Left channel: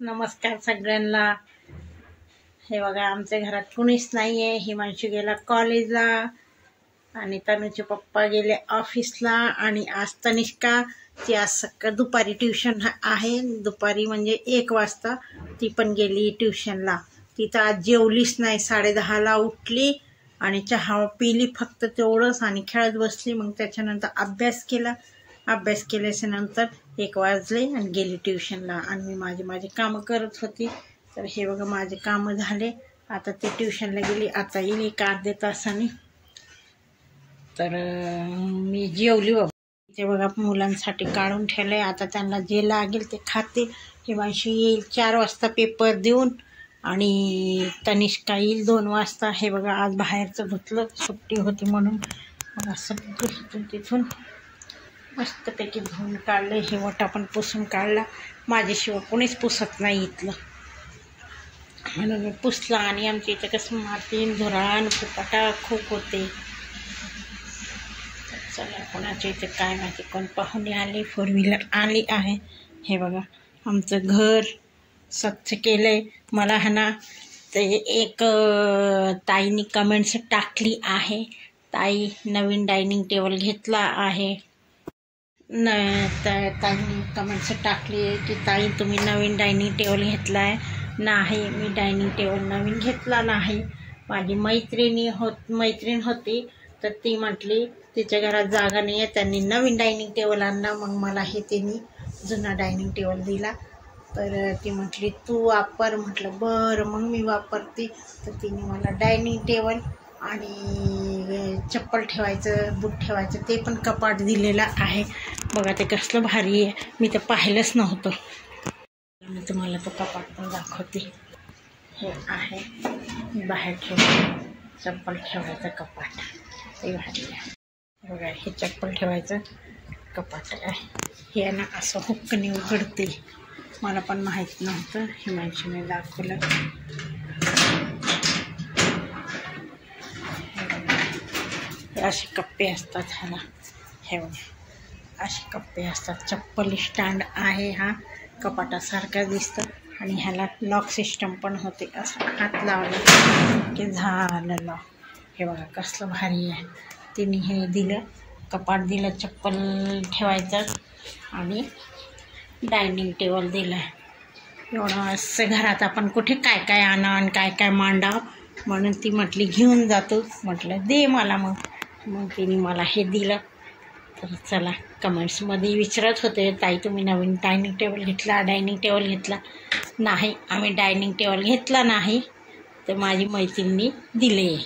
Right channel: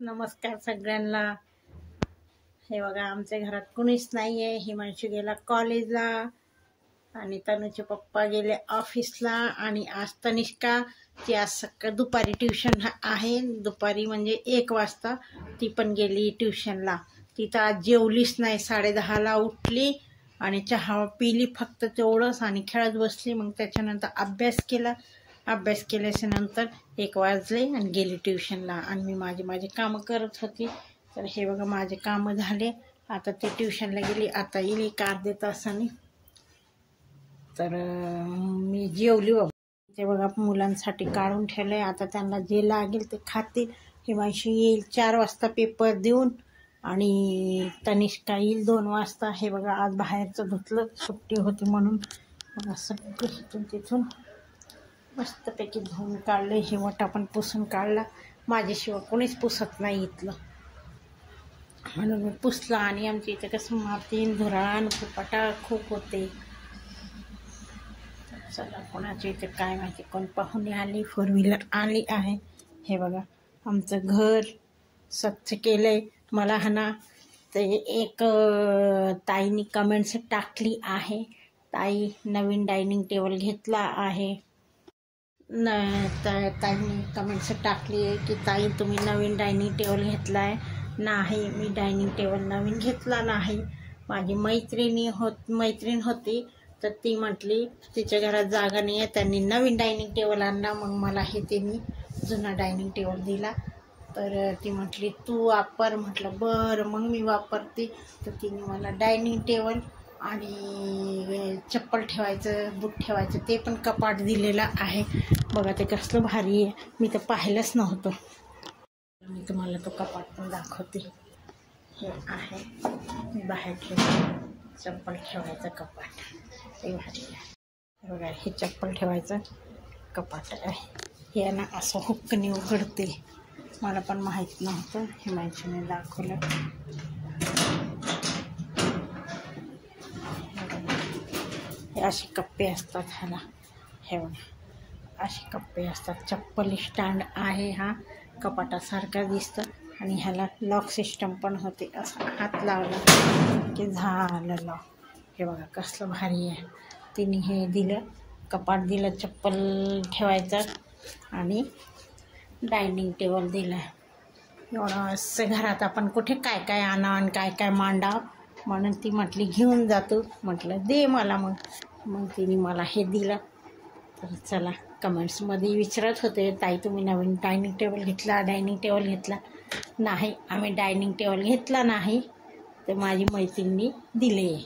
नमस्कार सगळ्यांना। हे बघा आमच्या घरात कुणीच नाही आहे। हिमांशू गेला कॉलेजला आणि तनुचे पप्पा गेले ऑफिसला आणि आज तनिष्का ती आज दुपारी ट्युशन आहे। दुपारी म्हणजे 1 वाजता ती पण गेली ट्युशनला। ती तर आज जेवलीच नाही, 10:30ला उठली आणि चहा पिली फक्त तेवढंच आणि खेळत बसली। मग त्याच्यानंतर अभ्यास केला। अभ्यास केल्याच्या नंतर 1 वाजले आणि गेली ट्युशनला आणि मी माझी कामं करत होती। तर हे बघा माझे कामं झाले। आता ती ट्युशनला गेली, आता येईल 1 अर्ध्या तासाने। तर मी जेवली बाबा। ते बघा मुलांसाठी काढून ठेवले, आता त्यांना जे लागेल ते खाते। हिमांशू येईल 4 वाजता पेपर देऊन आणि तनिष्का येईल 2 वाजता। हे बघा आज बाहेरचं धुतलं, सुट्टी होती म्हणून। बघा सगळं तिथून मस्तपैकी धुवून काढलं। हे वटा पण पुसून काढला। माझ्याशिवाय कोणीच पुसत नाही इथलं, म्हणून मी पुसलं। आणि आमच्या इथं कसं माती धुराण फुपाटा खूप होते। चला कोणाच्या इथे काय माहिती, कोण पाहुणे आले, 4 व्हीलर आली आहे। हे बघा आमचं घर स्वच्छ केलंय। मला ना ते एक ताईनी कमेंट्स टाकली आहे, ताई नवीन डायनिंग टेबल घेतला आहे। ताईंनी कमेंट्स टाकली आहे की ताई तुम्ही नवीन डायनिंग टेबल घेतला आहे। नाही, मी डायनिंग टेबल नवीन घेतला नाही। माझी मैत्रीण होती, तर ती म्हटली तिच्या घरात जागा नाही आहे, त्यांनी नवीन डायनिंग टेबल आणला। मग मला हे त्यांनी जुना डायनिंग टेबल दिला। तर ती म्हटली तू वापर, म्हटलं बरं मग मी वापरते। तर तिने मला डायनिंग टेबल आणि चप्पल ठेवायचं, बूट ठेवायचं ते पण कपाट दिलेलं आहे। बघा ते कसलं भारी आहे, मी तर पाहिलंच नव्हतं। मी तुम्हाला तो कपाट पण दाखवते। हे आहे बाहेर ठेवायचं चप्पल ठेवायचं कपाट, ते भारी आहे। बघा हे चप्पल ठेवायचं कपाट आहे। हे ना असं हुक्कने उघडते, मला पण माहीत नव्हतं, हिमांशूने दाखवलं। असे कप्पे असतात ह्याला, हे बघा असे कप्पे असतात। चप्पल स्टँड आहे, हा कपाटासारखा दिसतं आणि ह्याला लॉक सिस्टम पण होते। असं हात लावला की झालं लॉक। हे बघा कसलं भारी आहे। तिने हे दिलं, कपाट दिलं चप्पल ठेवायचं आणि डायनिंग टेबल दिलं। एवढं असं घरात आपण कुठे काय काय आणा आणि काय काय मांडावं, म्हणून ती म्हटली घेऊन जातो। म्हटलं दे मला, मग तिने मला हे दिलं। तर चला कमेंट्समध्ये विचारत होते ताई तुम्ही नवीन डायनिंग टेबल घेतला। नाही, आम्ही डायनिंग टेबल घेतला नाही, तर माझी मैत्रिणी दिले।